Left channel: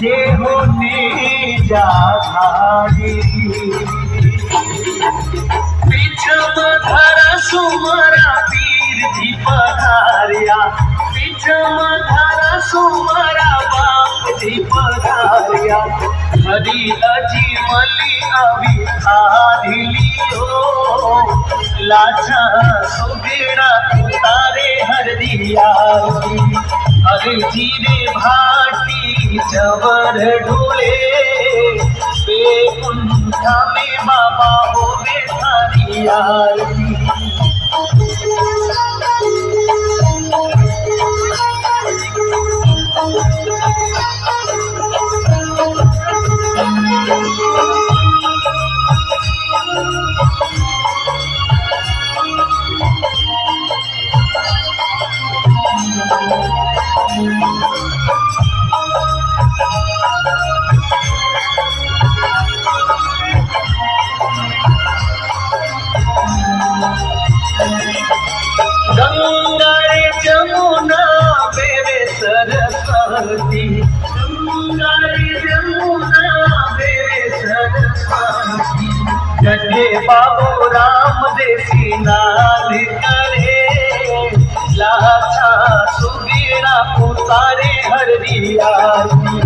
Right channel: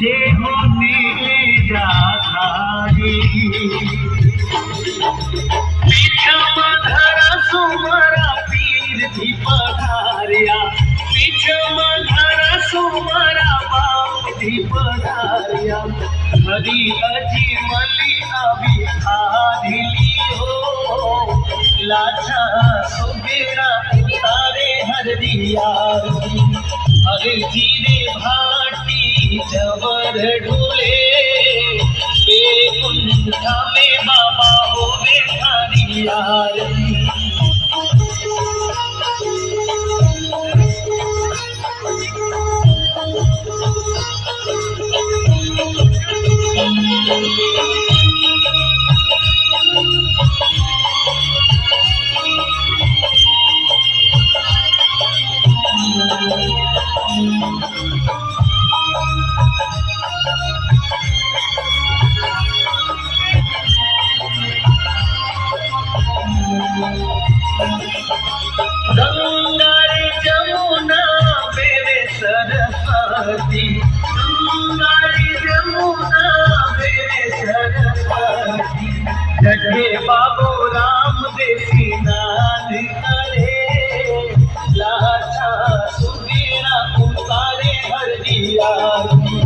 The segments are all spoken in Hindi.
देह निजाधारी पीछम धरा सुमरा पीर जी पधारिया पीछम धरा सुमरा बाप जी पधारिया हरी अजी मली अभी आधी लियो लाचा सुबेड़ा उतारे हर दिया हर जीरे भाटी जवर ढूले बेकुंठा में बाबा होवे थारी आरती गंगा रे जमुना बेरे सरस्वती गंगा रे जमुना बेरे सरस्वती जगे बाबू राम देसी नाद करे लाछा सुगीरा उतारे हरी आरती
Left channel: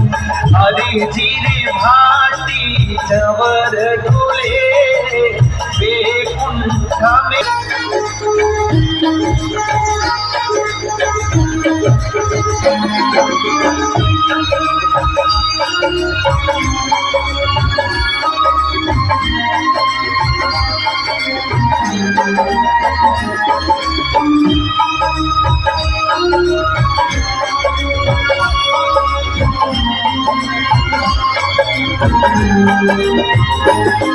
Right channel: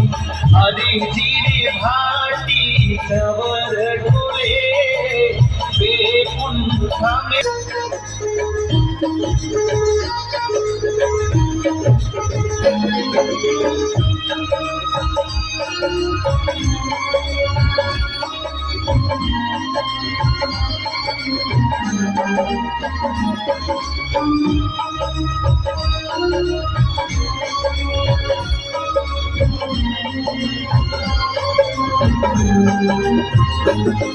हरी जीरे भाटी जवर ढोले बेकुंठा में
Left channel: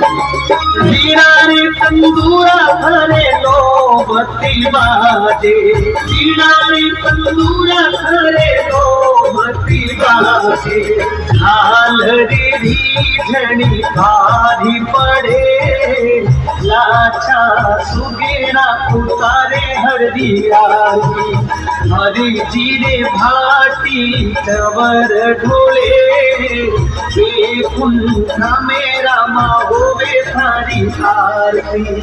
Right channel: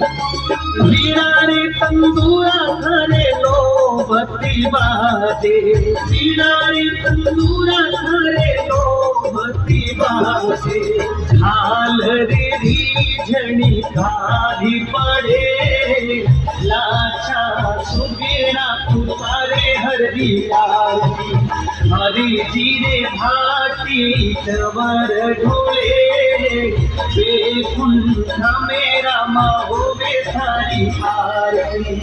वीणा रे तंदूरा घरे लो बत्ती बाजे वीणा रे तंदूरा घरे लो बत्ती बाजे झाल रे झणी भारी पड़े लाचा सुगेड़ा उतारे हरी आरती हरी जीरे भाटी जवर ढोले बेकुंठा मेरा माँ होवे थारी आरती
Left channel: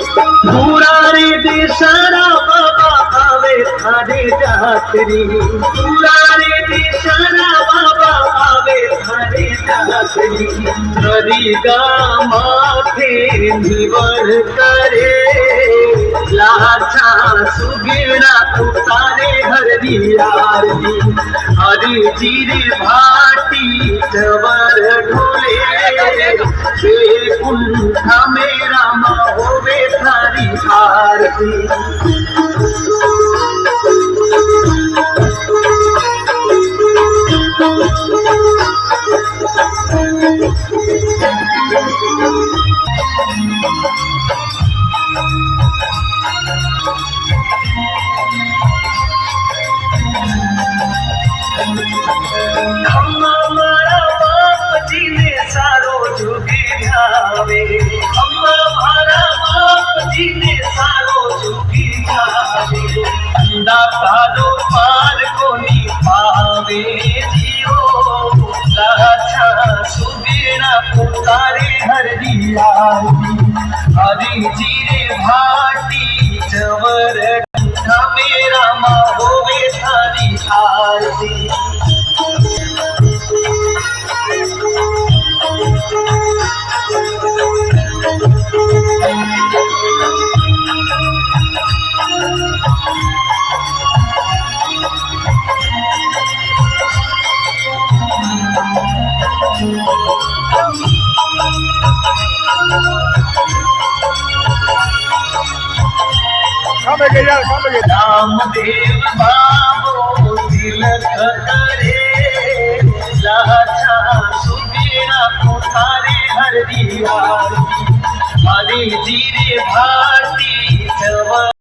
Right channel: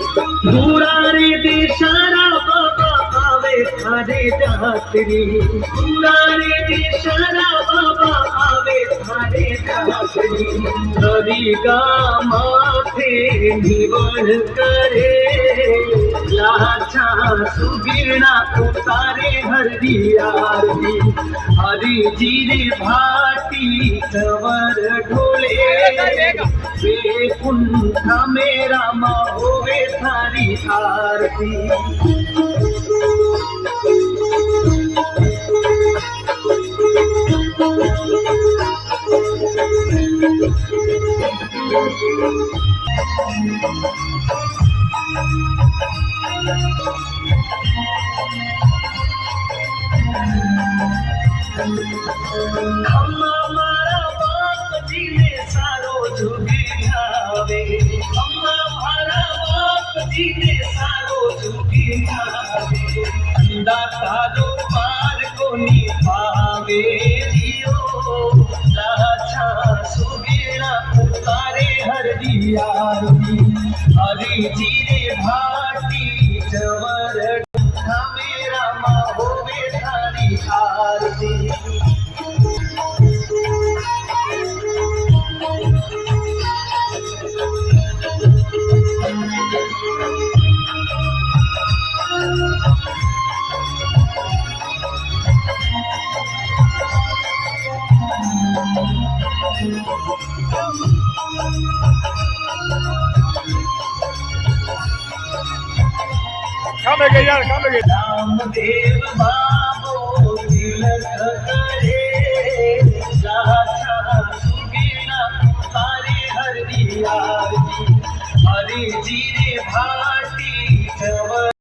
दुरारे देशरा बाबा आवे थारे जातरी दुरारे देशरा बाबा आवे थारे जातरी हरी माथे निवड़ करे लाछा सुगेड़ा उतारे हरी आरती हरी जीरे भाटी जवर ढोले बेकुंठा मेरा माँ होवे थारी आरती हमारा बाप जी ने सारो जुगे जावे हमारा बाप जी ने सारो जुगे जावे दातारो पार को नी पावे जियो लाछा सुगेड़ा उतारे हरी आरती हरी जीरे भाटी जवर मेरा माँ होवे थारी आरती रामदेव बाबो तिलक करे सुखेरा पुकारे हर दीवार हरी जी रे भारती जवा